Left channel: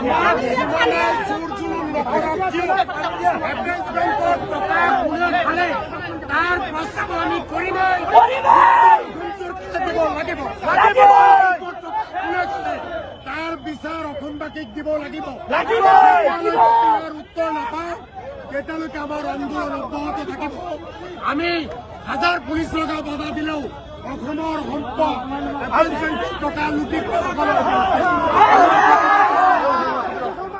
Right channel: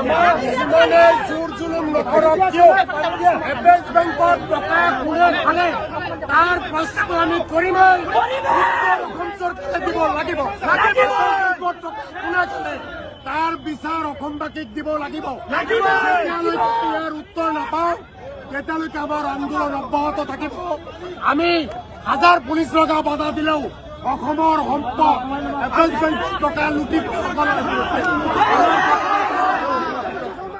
আমাৰ জীবনে জোৰ জুলুম নকৰক কিয় এপেক্স বেংকত টকা কোনে খালে তাৰ প্ৰশ্ন আমি কৰিমেই। অসম চৰকাৰে দিব লাগিব। কোনে খালে তাৰ বিচাৰ অসমবাসীক দিব লাগিব। যেতিয়ালৈকে ইয়াৰ উত্তৰ নাপাওঁ তেতিয়ালৈকে আমাৰ আন্দোলন অব্যাহত থাকিব। আমি হাজাৰ পুলিচ লগাও বাধা দিলেও অসমৰ সম্পদ এপেক্স বেংকত টকা লুটি খোৱাসকলৰ বিৰুদ্ধে